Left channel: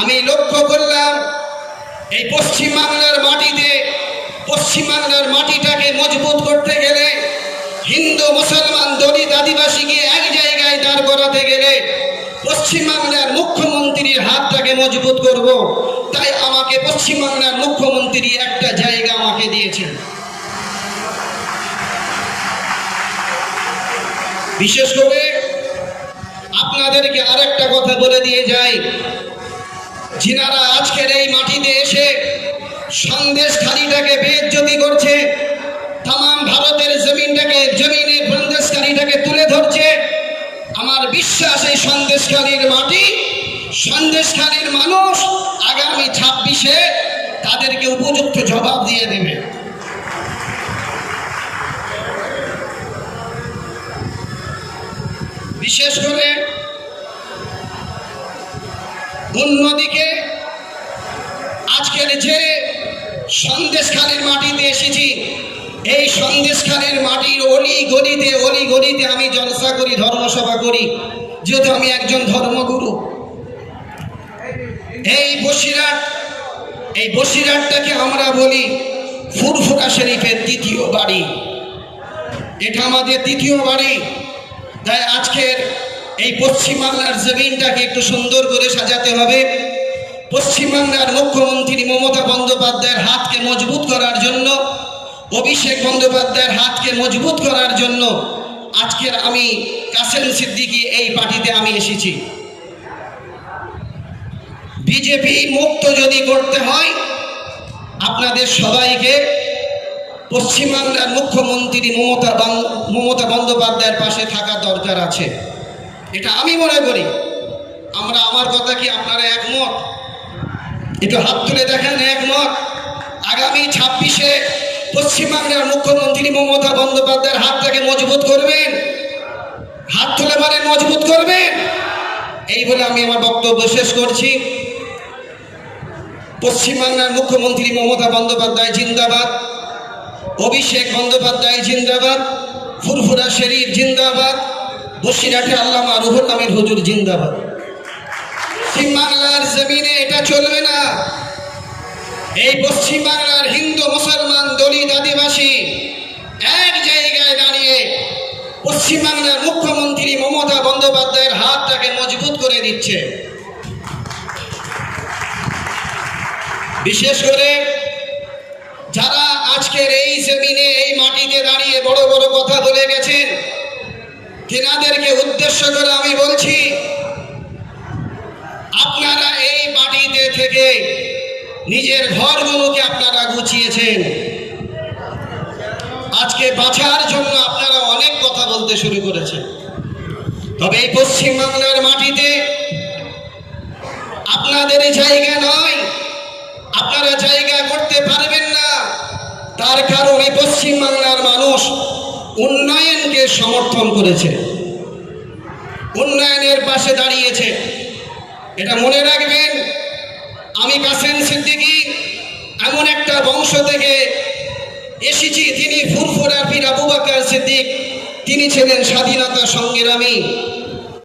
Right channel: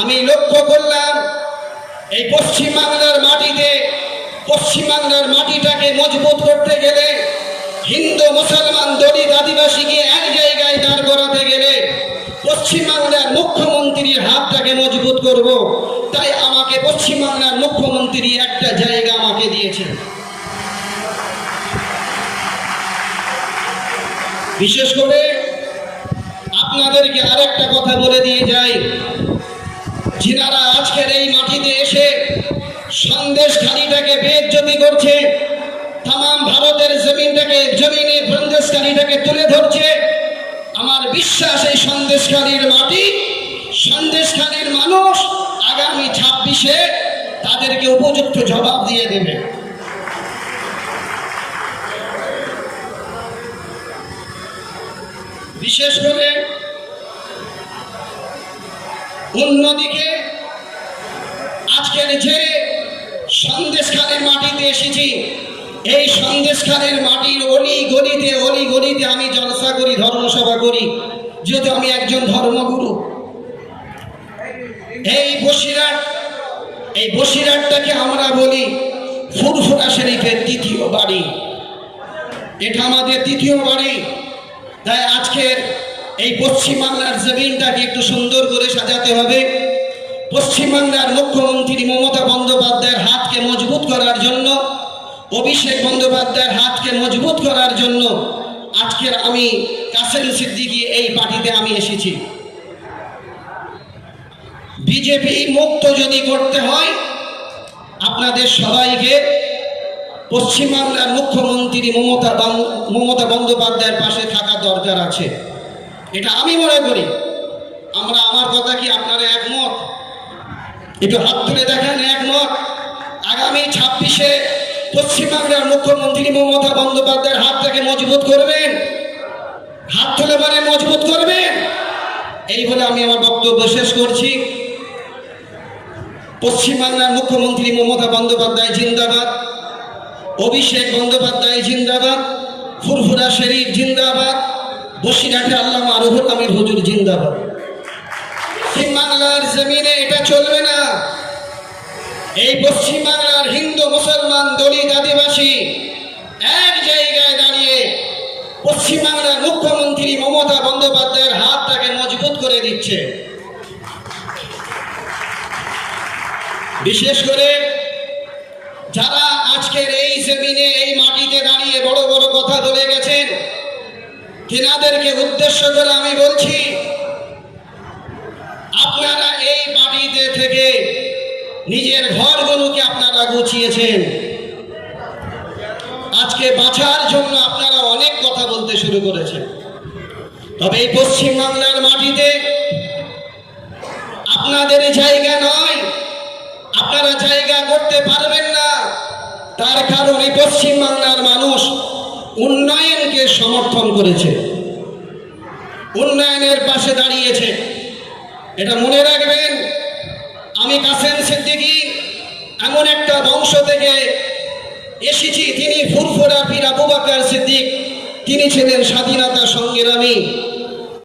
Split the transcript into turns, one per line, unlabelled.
আমি লক্ষ্য করলাম, এই পশ্চিমবাংলার মাটিতে পশ্চিমবাংলার মাটিটাকে মজবুত করতে গেলে, হিন্দু, মুসলমান, দলিত, আদিবাসীকে এক জায়গায় দাঁড় করাতে গেলে পশ্চিমবাংলার মুখ্যমন্ত্রীর হাতটাকে মজবুত করব। তাই আমাকে পশ্চিমবাংলার মুখ্যমন্ত্রী একটা জায়গা আমাকে দিয়েছে। বিশেষ করে আপনাদেরকে আরেকটা কথা বলে দিয়ে যাই। যিনারা আজকের এই মাটিতে এসে সন্দেশ খালিটাকে বেজ্জতি করছে। তাম ভারতের জমিনটাকে, জমিনে সন্দেশকারীটাকে তুলে ধরছে। আমার বিশ্বাস, এই সন্দেশকারীর মাটি সন্দেশকারীর মানুষ আগামী ছাব্বিশে তাদেরকে উপযুক্ত জবাব দিয়ে দেবে। বিশেষ করে অন্যদিকে আজকের যে সন্দেশখানের মাটিতে এসেছি, এই সন্দেশখানের মাটির অলি গলিতে অলি গলিতে আমি জলসা করি, ধর্মসভা করি, যেহেতু আমি একজন ধর্মগুরু। এই বসিরহাট, এই বসিরহাটটাকে আমরা বলি ফুরফুরা শরীফের দ্বিতীয় বাড়ি। এটা আমাদের দ্বিতীয় বাড়ি। তাই আজকের এই পশ্চিমবাংলার জমিনটাকে একটু সুন্দর করে সাজাতে হবে। পশ্চিমবাংলার মুখ্যমন্ত্রী মমতা বন্দ্যোপাধ্যায়ের হাতকে মজবুত করার জন্য, অভিষেক বন্দ্যোপাধ্যায়ের হাতকে মজবুত করার জন্য আজকের আমি কাসেম সিদ্দিকী এই পার্টিতে আমি এসেছি। বিজেপি মুক্ত যদি করতে হয়, আপনাদের সবাইকে পশ্চিমবাংলার মুখ্যমন্ত্রী মমতা মমতা বন্দ্যোপাধ্যায়ের পাশে থাকা দরকার আছে। এটা আমি মনে করি। আমরা আমার কথা কি আপনারা একমত? একটু হাত তুলে দেখেন, একমত? আগামী ছাব্বিশে পশ্চিমবাংলার মুখ্যমন্ত্রী মমতা বন্দ্যোপাধ্যায়ের হাতটাকে মজবুত করবেন। হাত তুলে মানে মজবুত করবেন? এই বলে আমি আমার বক্তব্য শেষ করছি। পশ্চিমবাংলার মুখ্যমন্ত্রী মমতা বন্দ্যোপাধ্যায় জিন্দাবাদ। অভিষেক বন্দ্যোপাধ্যায় জিন্দাবাদ। ফুরফুরা শরীফ জিন্দাবাদ। বসিরহাটে আল্লামা রুহুল আমির হুজুর জিন্দাবাদ পশ্চিমবাংলার জমিনে এটা চলবে না। এই পশ্চিমবাংলার হিন্দু মুসলমান দলিত আদিবাসী এক জায়গায় দাঁড়িয়ে পশ্চিমবাংলার মুখ্যমন্ত্রী মমতা বন্দ্যোপাধ্যায়ের হাতটাকে মজবুত করে দিচ্ছে। বিশেষ করে যারা আজকের এই জমিনে, এই মাটিতে দাঁড়িয়ে বড় বড় কথা বলে গেছেন তেনাদেরকে উদ্দেশ্য করে আমি বলছি, আপনারা এই মাটিতে থেকে নিজের ঘরগুলোকে আপনারা গুছিয়েছেন। আজকে বাঁচার জন্য আপনারা অনেক কথা বলতে শুরু করেছেন। তবে এই পশ্চিমবাংলার মাটিতে আপনাদের জায়গা নয়, আপনারা জায়গা করতে পারবেন না। তার কারণে পশ্চিমবাংলার মানুষ উন্নয়নকে সমর্থন করেছে। উন্নয়নের পাশে দাঁড়িয়েছে। এটা মনে রাখবেন, আমি কাসেন সিদ্দিকি এমন একটা বংশ থেকে এসেছি, তিনি ফুরফুরা পীর আবু বাকর সিদ্দিক, তিনি ছিলেন স্বাধীনতা সংগ্রামী।